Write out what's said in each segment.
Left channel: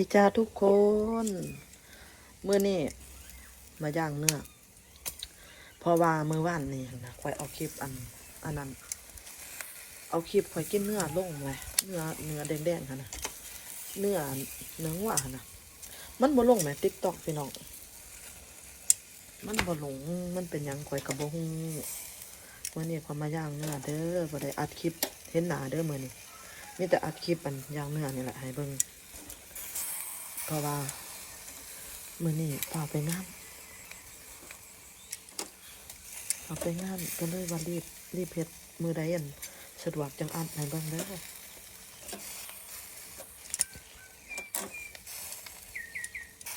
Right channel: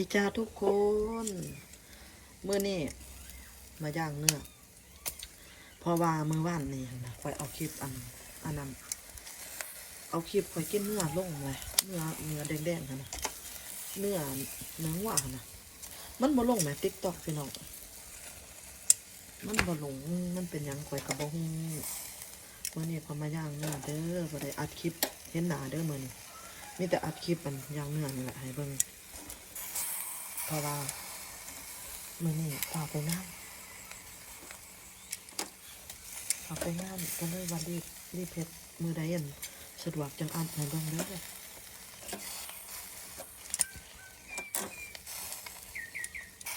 ดีจ้าทุกคนเมื่อนี่มาย่างเนื้อเพราะว่าเมื่อวานนี่นะคอยเอาคลิปอันอันนั้น เอาคลิปคอยกินเนื้อลงเลยเนื้อเนื้อแดงๆค่ะนะเนื้อเนื้อหวานนะมันบ่ลงแหมติ๊กตอกพี่น้องมันบ่ลงมันเป็นยังคอยกระบ่ฮู้วันนี้ข่อมาย่างเนื้อเด้อบ่ได้อัดคลิปเห็นหน้าเด้อมือนี้มีแต่อัดคลิปอันย่างเนื้อนี่แหละให้เบิ่ง เพราะว่ามือนี่ออกไปงานออกไปงานก็เลยว่ารีบรีบเพชรมือใดอันสะดวกจังอันให้เบ้างเด้อ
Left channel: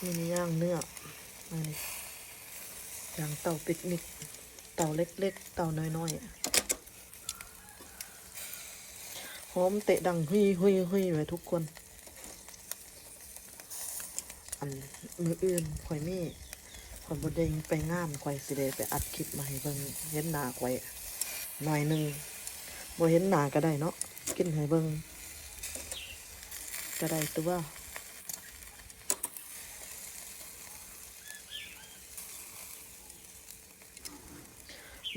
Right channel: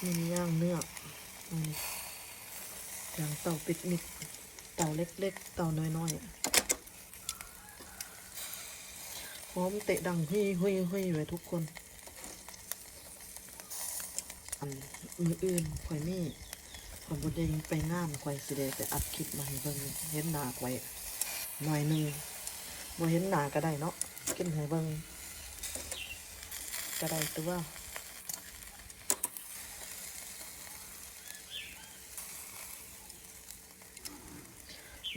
มีย่างเนื้ออันนี้ย่างเต่าปิกนิกเต่าเล็กๆ เต่าน้อยๆหอมเตะดังหุยหุยหุยไว้ทุกคน อันมืออื่นข่อยมีข่อยบดเดงไปงานข่อยสิเดไปอัดคลิปมาให้เบิ่งเห็นหน้าข่อยหน่อยหนึ่งบ่เห็นหน้าก็ได้เนาะกินให้เบิ่งก็ได้ตัว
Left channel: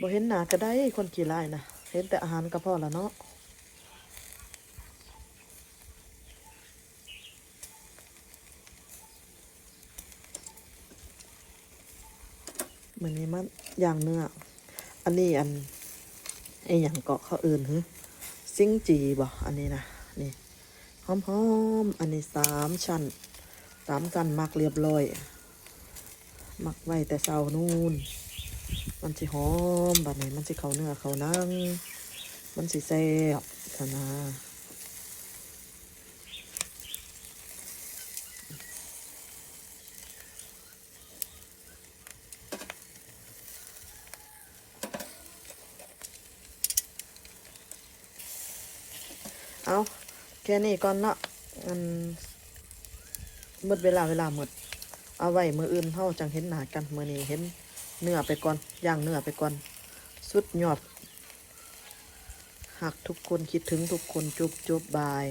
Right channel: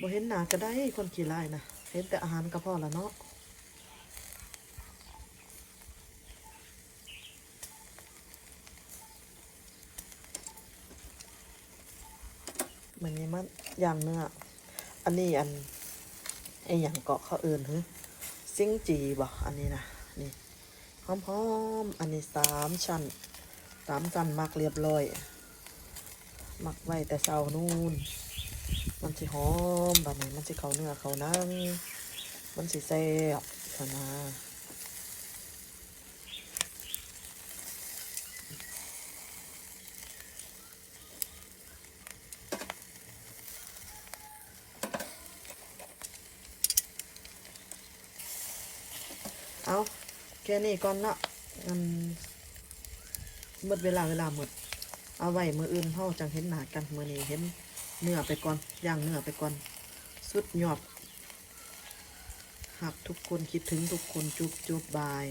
บ่เห็นหน้าก็ได้คนขี้ร้ายนะเห็นแต่อาหารก็พอแล้วเนาะ มันนี้มันย่างเนื้อ อันนี้อันไออย่างเกาะเขาเอื่นฮึซิงจีบอกอันนี้นะนี่หอมหอมๆอันนี้สามชั้นสามชั้นมักเรียบร้อย มักไว้แต่เช้านู่นมันจะหอมแบบนี้มันจะเขาเนื้อเขานั่งมันจะแซ่บเขาเนื้อ เอาแค่นี้ก่อนเนาะอืมหมดเวลาเวลาหมด เอาไว้มืออื่นเฮาจังเห็นหนากันมือนี้เห็นเนื้อไปก่อนย่างเนื้อไปก่อน สุดยอดหักทุกคนคิดถึงทุกคนจุบจุบบาย